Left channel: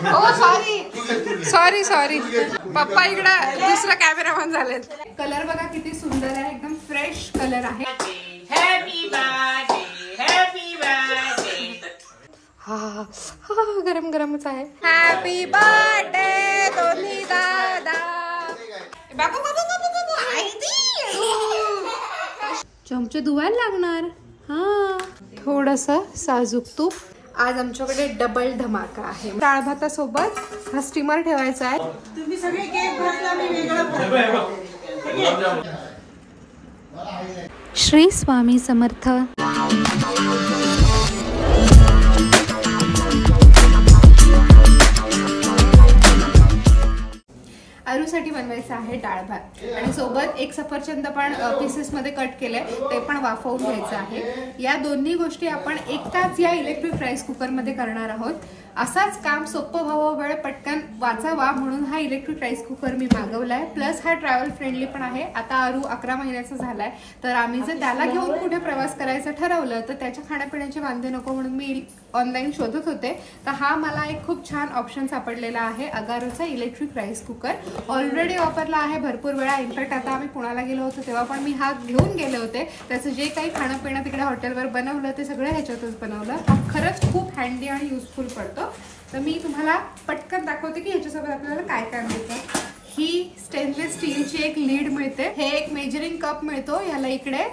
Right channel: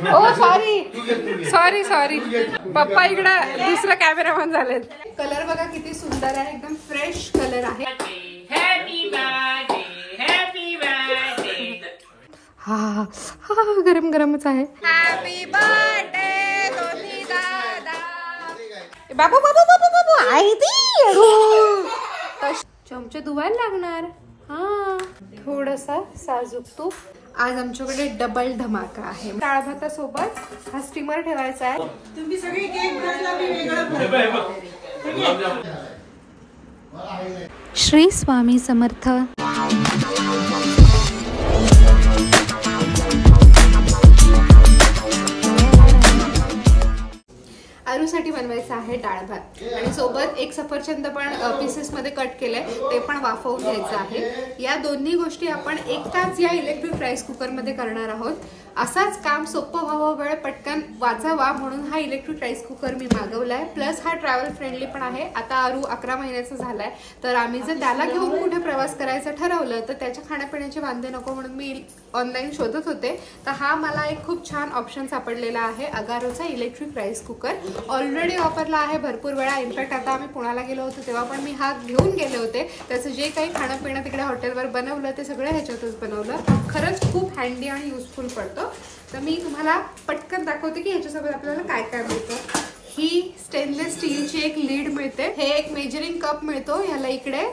ओ sorry sorry पप्पा इकडं दुसरा कॅमेरामॅन झालेत. कलर बघा किती सुंदर आहे, एकदम फ्रेश कलर आहे. हा गरम गरमच आहे. हॅपी बर्थडे दोन्ही दादा. बाबू बाबू बाबू बाबू आई चमचे धुवायला लागणार. हा थोडस साजूक तूप. आज आमच्याकडे डबल धमाका आहे. डाळ भातासोबत हा स्टीमर ठेवायचा आहे. तुम्ही सगळे केक घातला मी वेगळं. श्री स्वामी समर्थ. आरूसाठी बनवायचं आहे डाळ भात आणि सोबत एक सफरचंद पण पीसेस मध्ये कट केलंय, ते पण वाफवून घ्यायचं आहे. या दोन्ही गोष्टी आपण एकदाच या इलेक्ट्रिक राईस कुकर मध्ये करणार आहोत. असाच काम सोपं व्हावं, वेळ पटकन वाचावा म्हणून हा इलेक्ट्रिक राईस कुकर मी मागवलाय. प्लस हा ट्रॅव्हल फ्रेंडली पण आहे. आता आरू 11 महिन्याचा झालाय, तर आम्ही जर त्याला घेऊन कुठे प्रवास करायचं ठरवलं तर त्याच्या खाण्यापिण्याचे वांदे नको म्हणून मी ऑनलाईन शोधत होते. तर हा मला एक खूप छान ऑप्शन सापडलेला आहे, अगारोचा इलेक्ट्रिक राईस कुकर. ऑलरेडी वापरला आहे भरपूर वेळा. इनफॅक्ट आता आम्ही पुण्याला गेलो होतो तेव्हा पण मी हा घेऊन गेले होते. त्याचं जे काही खाणं पिणं तिकडे हॉटेलवर बनवलं ते सगळं ह्याच्यातच बनवलं. हा खरंच खूप हँडी आणि युजफुल पडतो. तर मी तुम्हाला पटकन दाखवते की ह्याच्यासोबत आपल्याला काय काय मिळतं. ही स्टेनलेस स्टीलची एक लीड मिळते. हे एक मेजरिंग कप मिळतो. ह्याला इकडे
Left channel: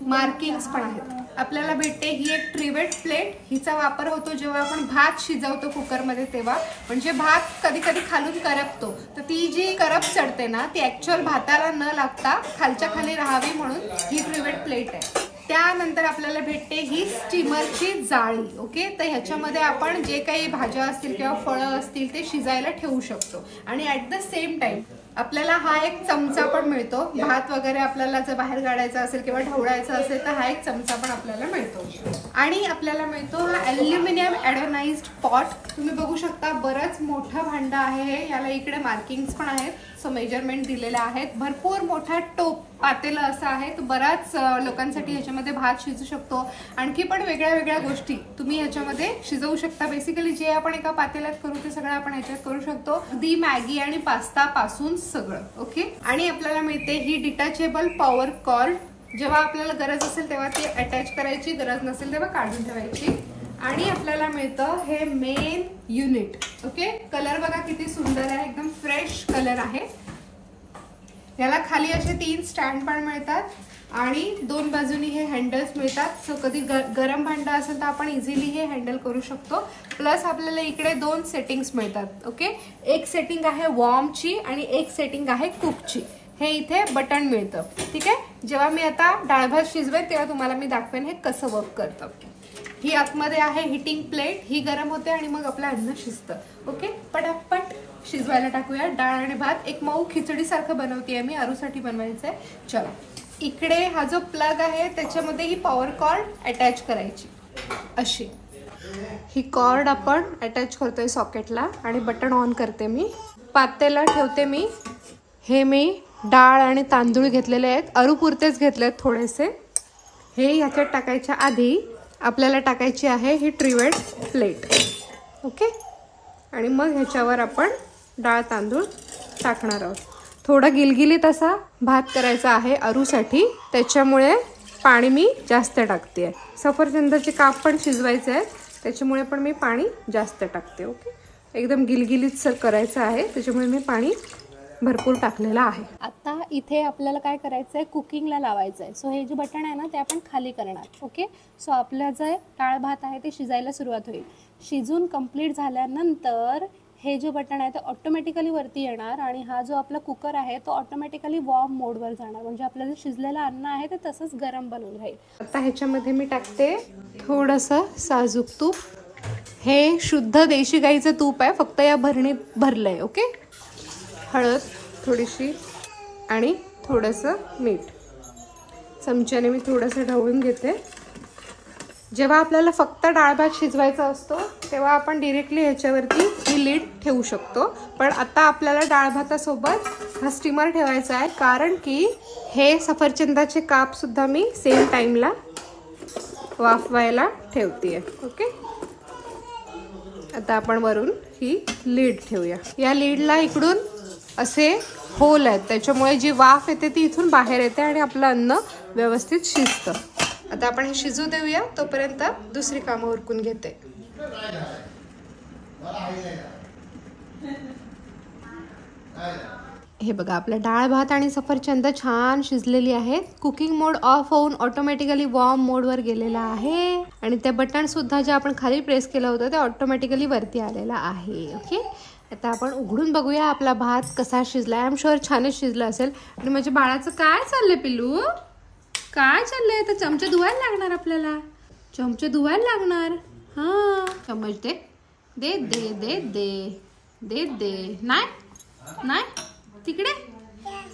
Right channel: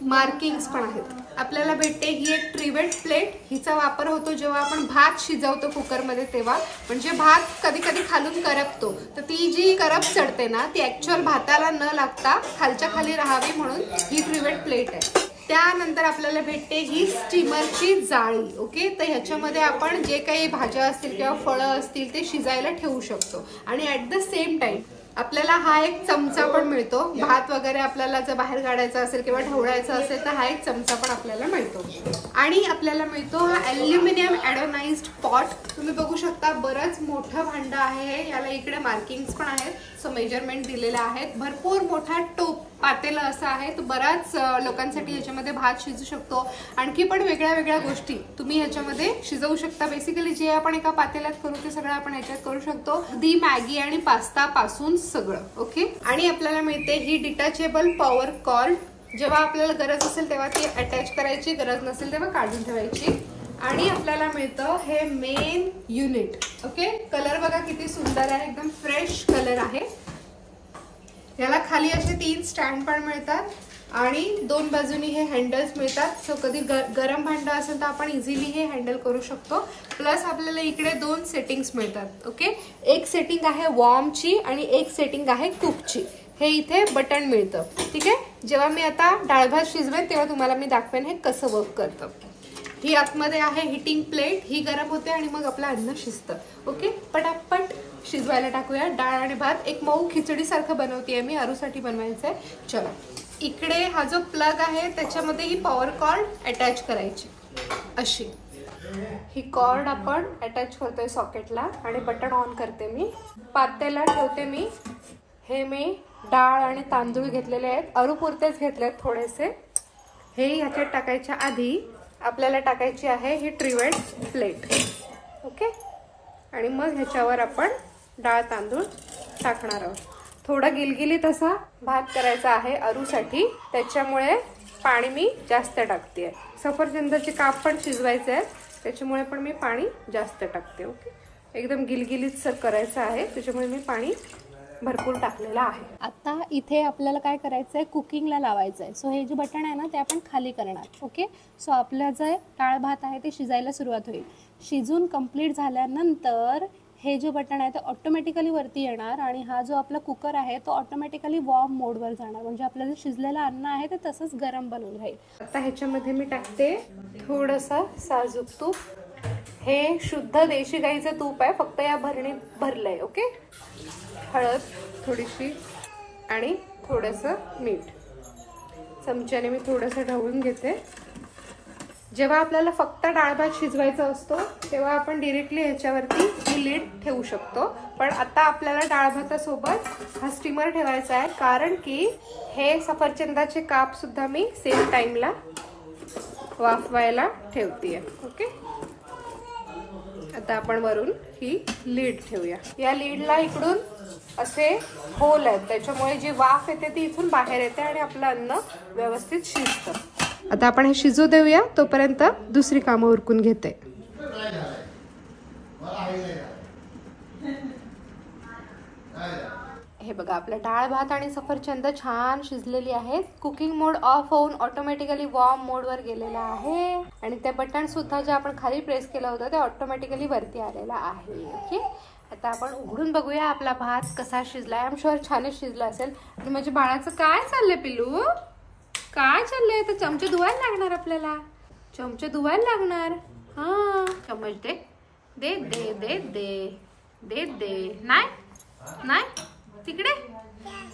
मार्किंग्स पण आहेत. आपल्याला भेटते ही एक ट्रिवेट प्लेट. हिचा वापर होतो जेव्हा आपण भात शिजवतो कुकरमध्ये तेव्हा. म्हणजे भात कधी कधी खालून करपतो, तर ती जी करप चढते ना ती ऍक्च्युअल भाताला न लागता खालच्या खाली राहावी म्हणून ही ट्रिवेट प्लेट आहे. त्यानंतर आपल्याला भेटते ही स्टीमरची जाळी. ओके, तर ह्याच्यामध्ये आपण जे काही भाज्या असतील किंवा फळं असतील ते शिजायला ठेवू शकतो. आणि ऍट द सेम टाइम आपल्याला हा एक चमचा पण मिळतो. भात वगैरे आपल्याला जर बाहेर काढायचा असेल किंवा ढवळायचा असेल तर हा एक चमचा पण आपल्याला मिळतो. आणि आपल्याला मिळतो हा अल्युमिनियम एडोनाइज्ड पॉट. तुम्ही बघू शकता बरंच मोठं भांडं आहे हे. याला इकडे मार्किंग्स पण आहेत, सो मेजरमेंट दिलेले आहेत. भरपूर मोठा टोप पातेलं असं आहे. तर बऱ्याच लोकांसाठी ह्याच्यामध्ये भात शिजू शकतो. आणखी पण वेगळ्या वेगळ्या गोष्टी तुम्ही ह्याच्यामध्ये शिजवू शकता. बेसिकली जे आपण एका पातेल्यात करू ते सगळं आपण ह्याच्यात करू शकतो. अगदी मॅगी आणि पास्ता पासून सगळं. ओके, आणि आपल्याला मिळते ही डिटॅचेबल पॉवर कॉर्ड. जेव्हा आपल्याला गरज असेल तेव्हा ती अटॅच करायची, गरज नसेल तेव्हा काढून ठेवायची. आणि आपल्याला मिळतं हे मेन युनिट. ओके, कलर बघा किती सुंदर आहे, एकदम फ्रेश कलर आहे. याला खाली असे 3 स्टँड पण मिळतात आणि 2 बाजूनी हे हँडल्स मिळतात. सो कधी गरम भांडं असेल तर आपण इझिली हे हँडल करू शकतो. प्लस आपल्याला इकडे 2 सेटिंग्स मिळतात. ओके, एक सेटिंग आहे वॉर्मची आणि एक सेटिंग आहे कुकची. हे इथे बटन मिळतं. ठीक आहे, जेव्हा मी आता डाळ भात शिजवेल तेव्हा तुम्हाला मी दाखवेन हे कसं वर्क करतं. ही आतमध्ये आहे हिटिंग प्लेट, ही गरम होते आणि मग आपलं अन्न शिजतं. ओके, पटापट शिजवायला टाकूया. डाळ आणि भात एक मऊ खिचडी सारखं बनवतेय मी, आरूसाठी बनवायचंय. चलो, इकडे हा जो प्लग आहे त्याच्यामध्ये ही पॉवर कॉर्ड अटॅच करायची. अशी ही कॉर्ड आपण अटॅच करतोय सॉकेटला आणि बटन ऑन करते मी. पातेलं ठेवते मी. हे मी डाळ आणि तांदूळ घेतलेले आहेत, अरूपुरतेच घेतलेत थोडेसे. हे ह्याच्यात टाकायच्या आधी आपल्याला टाकायची आहे ही ट्रिवेट प्लेट. ओके, आणि मग ह्याच्यावर आपण डाळ तांदूळ टाकणार आहोत. थोडं गिलगिलीत असा भात करायचा आहे अरूसाठी, त्याच्यामुळे पाणी मी जास्त टाकते. सफरचंदाचे काप पण शिजवायचे आहेत त्याच्यामुळे पण मी पाणी जास्त टाकते. ओके, एकदम गिलगिलीत करायचं आहे त्याच्यामुळे मी पाणी भरपूर टाकलेलं आहे. आता इथे आपल्याला काय करायचं आहे, कुकिंगला लावायचं आहे. सो हे जे बटन आहे ना ते आपण खाली करणार. ओके, सो आपलं जे डाळ भात आहे ते शिजायला सुरुवात होईल. शिजून कंप्लीट झाल्यानंतर हे जे बटन आहे ते ऑटोमॅटिकली वरती येणार आणि हा जो आपला कुकर आहे तो ऑटोमॅटिकली वॉर्म मोडवर जाणार. म्हणजे आपलं जे शिजलेलं अन्न आहे ते तसंच गरम बनून राहील. आता ह्याच्यामध्ये मी टाकते थोडंसं साजूक तूप. हे शुद्ध देशी गाईचं तूप आहे, फक्त या भरणीत भरलंय. ओके, हळद थोडीशी आणि थोडंसं मीठ. चमच्याने मी थोडंसं ढवळून घेते. जेव्हा आपल्याला फक्त डाळ भात शिजवायचा असतो तेव्हा आपण डिरेक्टली ह्याच्यावरती ही लीड ठेवू शकतो. पण आता आपल्याला डाळ भातासोबत हा स्टीमर ठेवायचा आहे, कारण की हे सफरचंदाचे काप सुद्धा मी सेम टाइमला वाफवायला ठेवते. ओके, आता आपण वरून ही लीड ठेवूया. या लीडला इकडून असे होल आहेत, त्याच्यामुळे जी वाफ येते ती इथून बाहेर येते आणि आपलं अन्न व्यवस्थित शिजतं. आता आपण हे शिजू देऊया, तोपर्यंत दुसरी कामं उरकून घेते. हे बघा, आपलं डाळ भात आणि सफरचंद छान शिजलेली आहेत. कुकिंग मोड ऑफ होऊन ऑटोमॅटिकली वॉर्म मोडवर गेलेला आहे आणि ते बटन सुद्धा जे आपण खाली प्रेस केलं होतं ते ऑटोमॅटिकली वरती आलेलं आहे. ओके, आता आपण उघडून बघूया आपला भात कसा शिजलाय. आय एम शुअर छानच शिजला असेल. आणि माझ्या बाळाचं काय चाललंय पिल्लू, काय चाललंय? तर चमचे धुवायला लागणार, आपल्याला चमचे धुवायला लागणार. हा, चम्मच दे दे दे दे दे दे दे. नाही नाही, तिकडे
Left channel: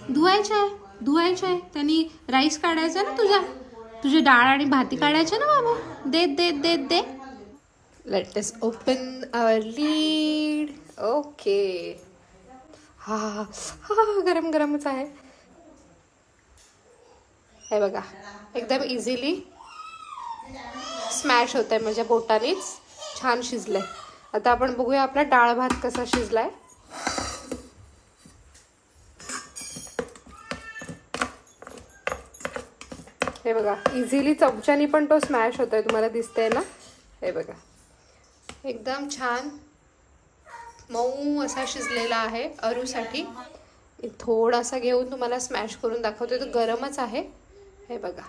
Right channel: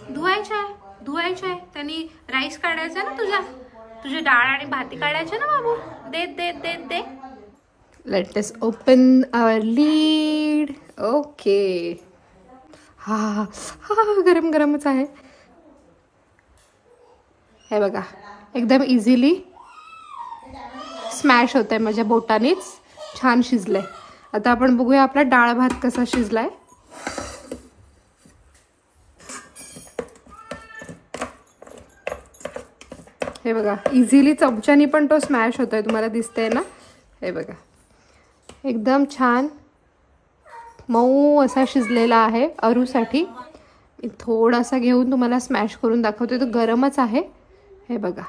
धुवायचं आहे. त्यांनी राईस काढायचा ना, तुझी डाळ आणि भाती काढायच्या ना बाबा. दे दे दे दे. लेट अस ओपन आवर लीड. ओके, हा हा, गरम गरमच आहे. हे बघा, एकदम इझिली स्मॅश होत आहे माझ्या बोटानेच. छान शिजलंय. आता आपण बघूया आपला डाळ भात कसा शिजलाय. हे बघा, इझिली चमच्यानी पण तो स्मॅश होतोय, तुम्हाला दिसतंय ना. हे बघा, एकदम छान मऊ असा शिजलेला आहे. अरूसाठी थोडासा घेऊन तुम्हाला स्मॅश करून दाखवते. तो गरमच आहे. हे बघा,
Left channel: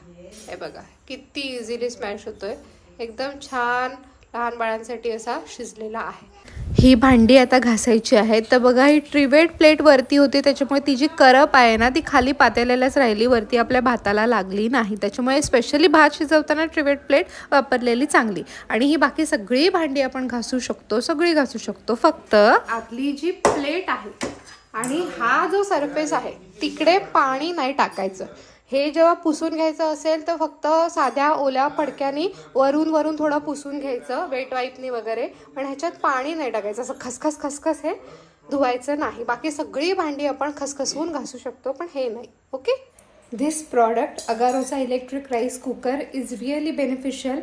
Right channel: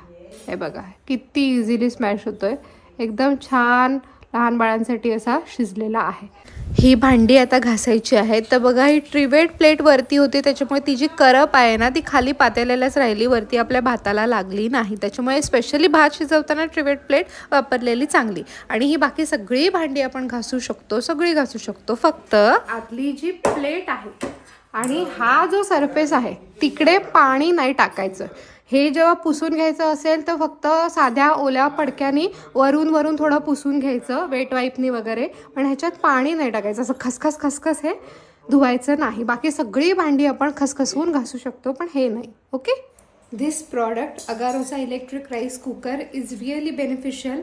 हे बघा किती इझिली स्मॅश होतोय. एकदम छान लहान बाळांसाठी असा शिजलेला आहे. ही भांडी आता घासायची आहेत. तर बघा, ही ट्रिवेट प्लेट वरती होती, त्याच्यामुळे ती जी करप आहे ना ती खाली पातेल्यालाच राहिली, वरती आपल्या भाताला लागली नाही. त्याच्यामुळे स्पेशली भात शिजवताना ट्रिवेट प्लेट वापरलेली चांगली. आणि ही बाकी सगळी भांडी आपण घासू शकतो, सगळी घासू शकतो. फक्त आतली जी प्लेट आहे आणि हा जो सरफेस आहे तिकडे पाणी नाही टाकायचं. हे जेव्हा पुसून घ्यायचं असेल तर फक्त साध्या ओल्या फडक्याने वरून थोडं पुसून घ्यायचं, वेट वाईपनी वगैरे. पण ह्याच्यात पाणी नाही टाकायचं. असं खसखस हे धुवायचं नाही. बाकी सगळी भांडी आपण खसखसवून घासू शकतो, पण हे नाही. ओके, दिस प्रॉडक्ट अगारोचा electric rice cooker is really beneficial.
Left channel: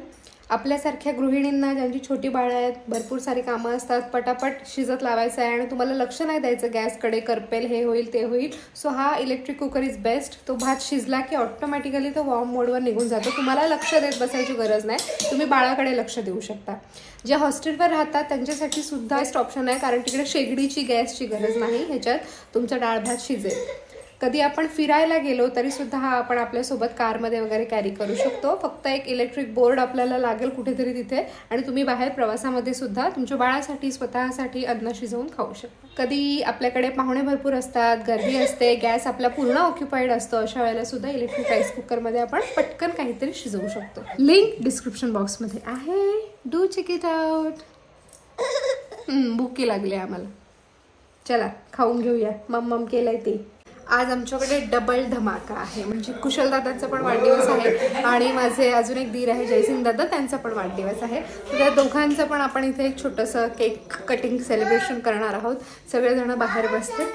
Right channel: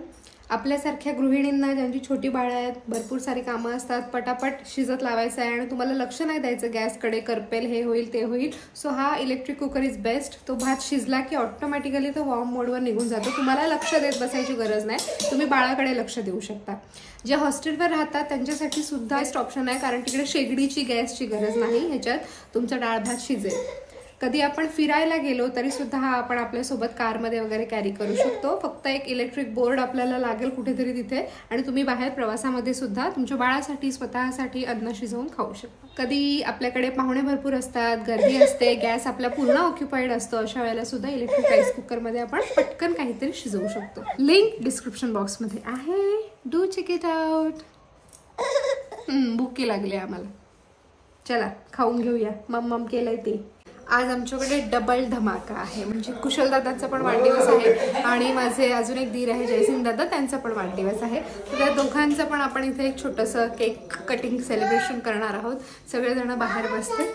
आपल्यासारख्या गृहिणींना ज्यांची छोटी बाळं आहेत, भरपूर सारी कामं असतात, पटापट शिजत लावायचं आहे आणि तुम्हाला लक्ष नाही द्यायचं गॅसकडे, करपेल, हे होईल ते होईल. सो हा इलेक्ट्रिक कुकर इज बेस्ट. तो भात शिजला की ऑटोमॅटिकली तो वॉर्म मोडवर निघून जातो. तुम्हाला लक्ष देत बसायची गरज नाही, तुम्ही बाळाकडे लक्ष देऊ शकता. जे हॉस्टेलवर राहतात त्यांच्यासाठी सुद्धा बेस्ट ऑप्शन आहे, कारण तिकडे शेगडीची, गॅसची गरज नाही. ह्याच्यात तुमचा डाळ भात शिजेल. कधी आपण फिरायला गेलो तरी सुद्धा हा आपण आपल्यासोबत कारमध्ये वगैरे कॅरी करू शकतो. फक्त एक इलेक्ट्रिक बोर्ड आपल्याला लागेल कुठेतरी तिथे, आणि तुम्ही बाहेर प्रवासामध्ये सुद्धा तुमच्या बाळासाठी, स्वतःसाठी अन्न शिजवून खाऊ शकता. कधी आपल्याकडे पाहुणे भरपूर असतात, गर्दी असते, गॅस आपला पूर्ण ऑक्युपाईड असतो, अशा वेळेला सुद्धा इलेक्ट्रिक राईस कुकरमध्ये आपण पटकन काहीतरी शिजवू शकतो. लिंक डिस्क्रिप्शन बॉक्समध्ये आहे. Do check it out. भुकी लागली आम्हाला, चला खाऊन घेऊया. मम्मम केलंय ते. आज आमच्याकडे डबल धमाका आहे, म्हणजे कुशल दादांचा पण वाढदिवस आहे आणि माझे अजून एक दीर आहे जयसिंग दादा, त्यांचा पण वाढदिवस आहे. तर त्या दोघांचं पण आपण इथे एक छोटंसं केक कटिंग सेलिब्रेशन करणार आहोत. सगळेजण बाहेर बसते,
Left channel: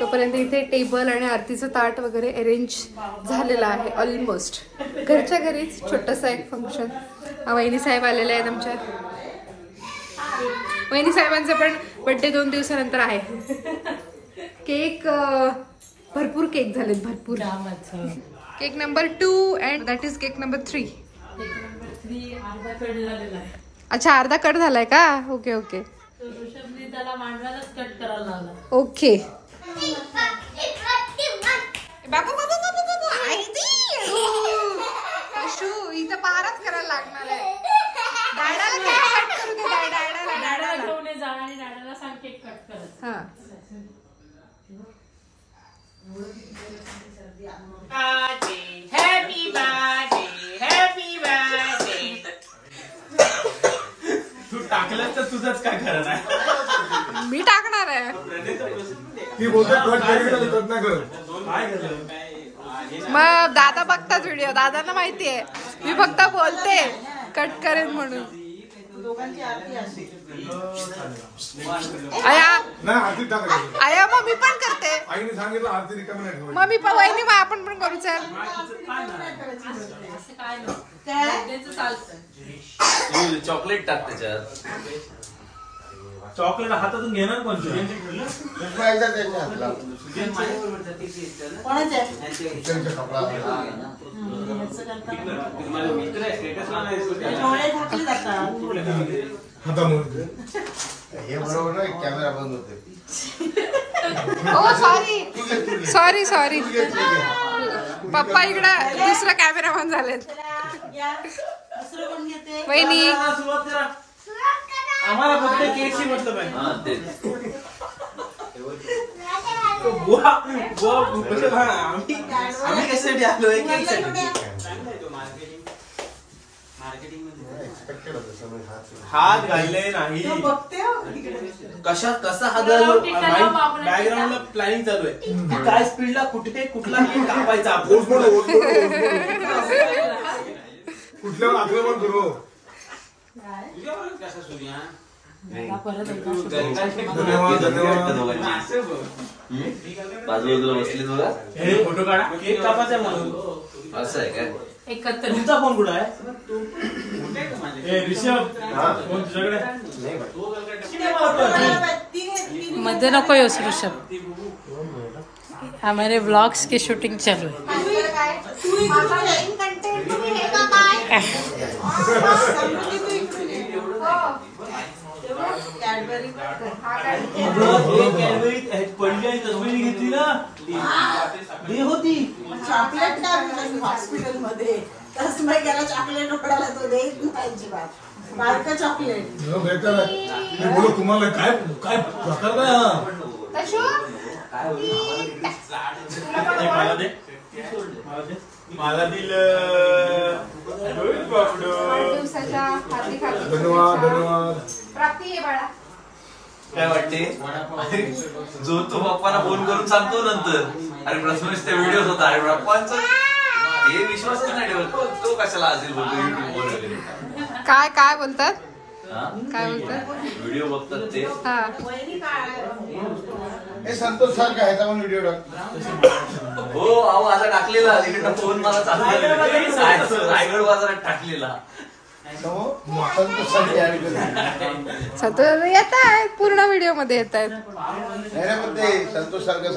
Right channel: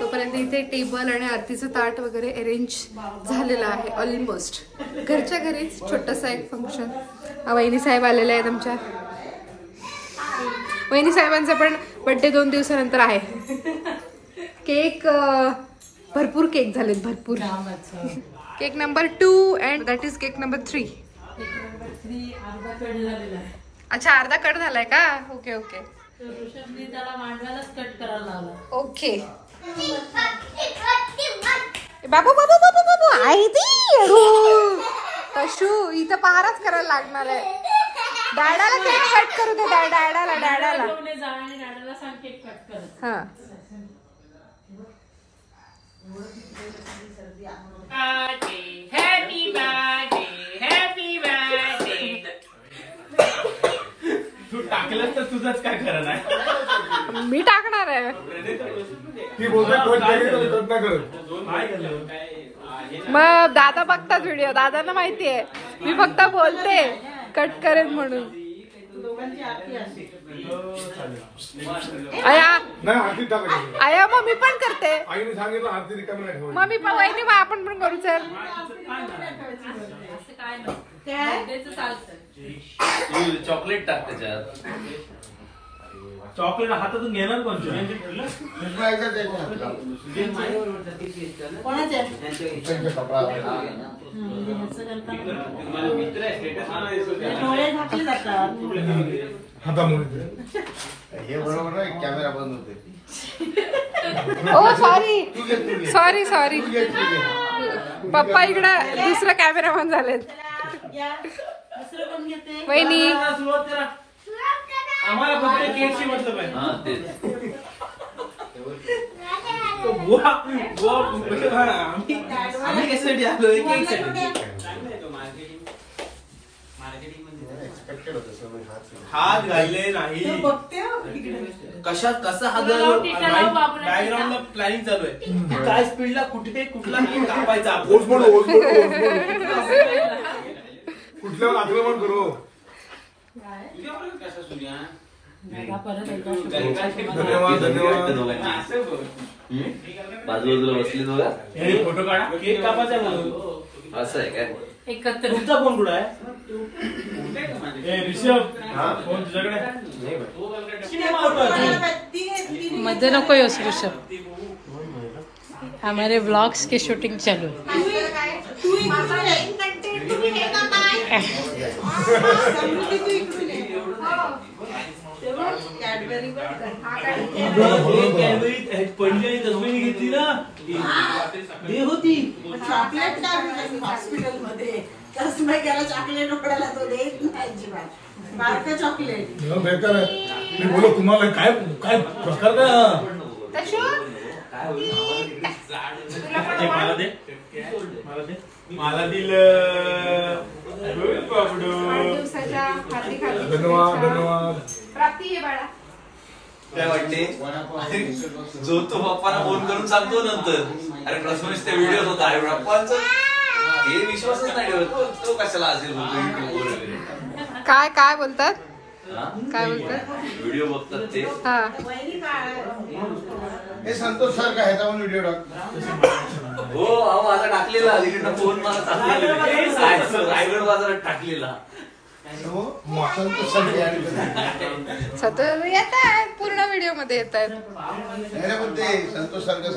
तोपर्यंत इथे टेबल आणि आरतीचं ताट वगैरे अरेंज झालेलं आहे ऑलमोस्ट. घरच्या घरीच छोटंसं एक फंक्शन. वहिनी साहेब आलेले आहेत आमच्या. वहिनी साहेबांचा पण बर्थडे 2 दिवसानंतर आहे. केक भरपूर केक झालेत, भरपूर. Cake number 2 and that is cake number 3. अच्छा, अर्धा कट झालाय का? Okay okay okay. बाबू बाबू बाबू बाबू आई अशू, इथं पारच करायला लागणार आहे. डॅडाला कट करू दे. डॅडाला सांग केक कट कर. हा, हॅपी बर्थडे, हॅपी बर्थडे. तू टाकलं तर तुझंच काय खरं नाही. मी टाकणार आहे. मग दादा बघतात व्हिडिओ, दादांना माहितीये मी फक्त बोलते कट करेन म्हणून. आया मग मी पण करते. मग मी पण, वहिनी मग आपण पण करू. चल चॉकलेट टाक त्याच्यात. चॉकलेट हातातून घेणार कोण हे बरोबर कॅमेरा बंद होते. ओ सॉरी सॉरी पप्पा इकडं दुसरा कॅमेरामॅन झालेत. वहिनी आम्हाला फक्त केकची मतलब आहे. आम्ही कशासाठी आलोय केकसाठी. हात घालले नाही कसा हात घाललो. बॅकग्राऊंडला प्लॅनिंग चालू आहे. काय स्पीडला कुठे कुठला कापायचा कुठल्यावर आक्रमण करू. धन्यवाद बाजूला बसले तुला फोटो काढा. केक कापायचा असं आहे काय. तुमचा फोन कुठं आहे. ऋषभ फोन तुझ्याकडे. मध्ये नको येऊस ऋषभ. हमारे व्लॉग्स की शूटिंग चालू है. पडली घेतली ना दे होती चॉकलेट हॉस्पिटलमध्ये चॉकलेट उकडायला तो देत नाही बारका चॉकलेट. मी बोलो तुम्हाला काय काय प्रकार काय मला दिलं. धन्यवाद धन्यवाद. प्राप्ती आहे बाळा. काय वाटते जो तो पप्पाला फोन करून सांगतो नंतर. अरे प्रथमेश ते व्हिडिओ होता. अरे पप्पांचा ते विश्वासच नाही ठेवत. तो कशाला असेल बोलतो. काय बोलतात. काय बोलतात. व्हिडिओ बघतात ते. हा हे संतोष सर काय ह्याचा पण व्हिडिओ टाक. हो अहो आता टाकलेला इकडनं फोन मला चांगला रायगड बाजारात टाकलेला. सतत येत आहेत पूर्ण व्हिडिओ मध्ये येत आहेत. संतोष सारखं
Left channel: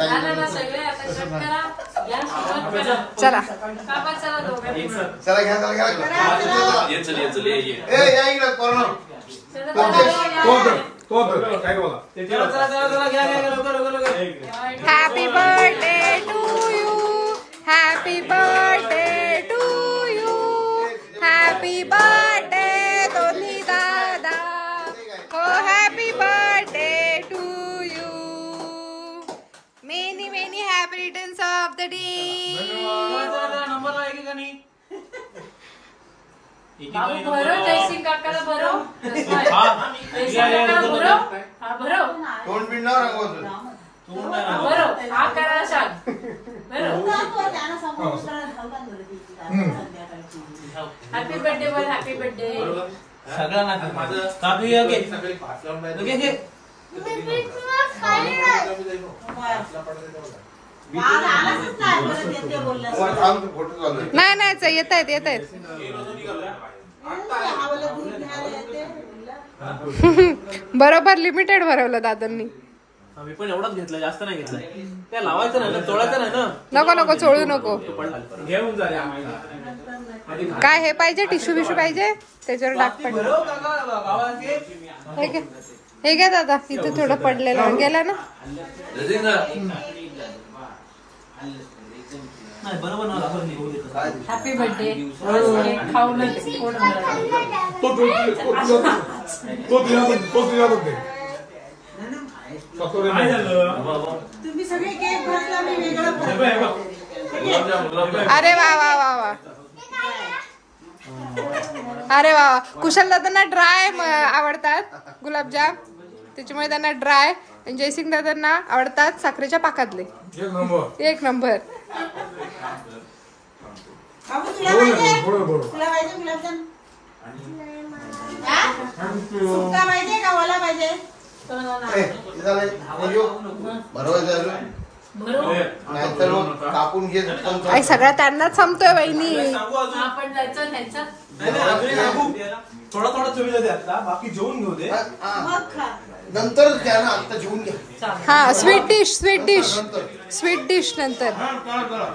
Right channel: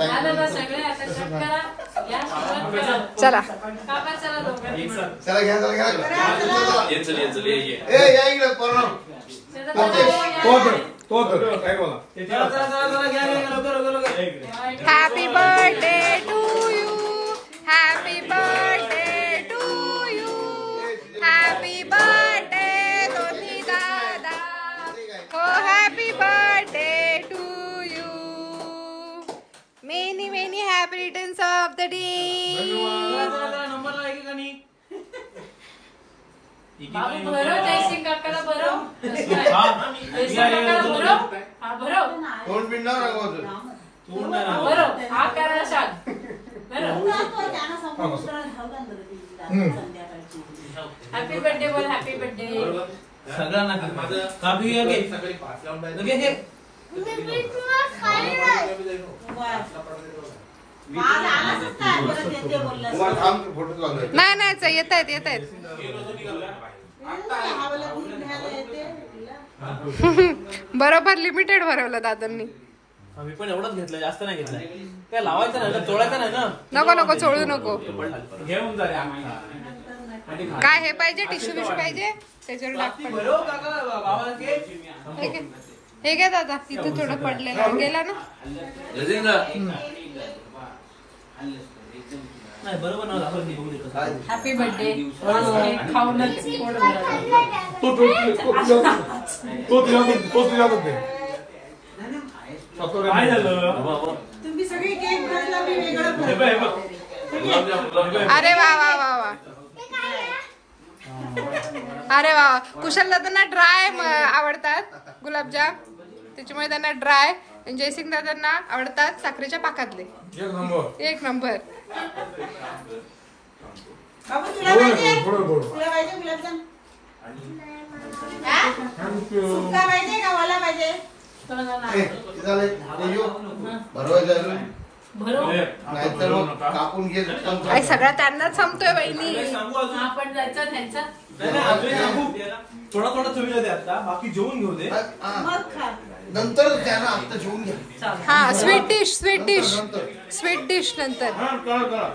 चला चला घ्या happy birthday to you. Happy birthday to you. Happy birthday दोन्ही दादा. हो happy birthday to you. Many many happy returns of the day. बाबू भरो जयसिंग काकाला भरो. भरो कोण पिंडावर भरो हा करायला सांग. हॅपी बर्थडे बोल. हॅपी बर्थडे सगळ्यांना कापू घे घे. नाही येत आहेत. बरोबर लिमिटेड भरवलं दादांनी. आम्ही पण एवढंच घेतलं. जास्त नाही घेतलं. त्या लावायचं नाही ना चोळायचं नाही ना. नको चोळू नको. घेऊन जा. काय हे पाहिजे टिश्यू बिश्यू पाहिजे त्याच्यावर डाग पडले. हे घ्या दादा. इथे थोडं पडलेलं गेला ना. Happy birthday. खाऊनच पोट तुम्ही सगळे केक घातला मी वेगळं. अरे वा वा वा वा. अरे वा. कुशल दादांना ड्राय आवडतात गुलाबजाम. त्याच्यामुळे त्यांना ड्राय. जयसिंग दादांना आवडतात साखरेच्या पाकातले. एक नंबर. तुला पाहिजे गुलाबजाम. सुका पाहिजे का ओला पाहिजे. कापून घेत सगळ्या त्यांनाच संपतोय वहिनी. आपण जायचं न्यायचा. नाही नाही अजून थोडा थोडा चवी दे आता बाकी जेवून घेऊ दे मग खा. नंतर घ्या ना, आता जेवून घ्या. हा स्वीट डिश नंतर हा, करा.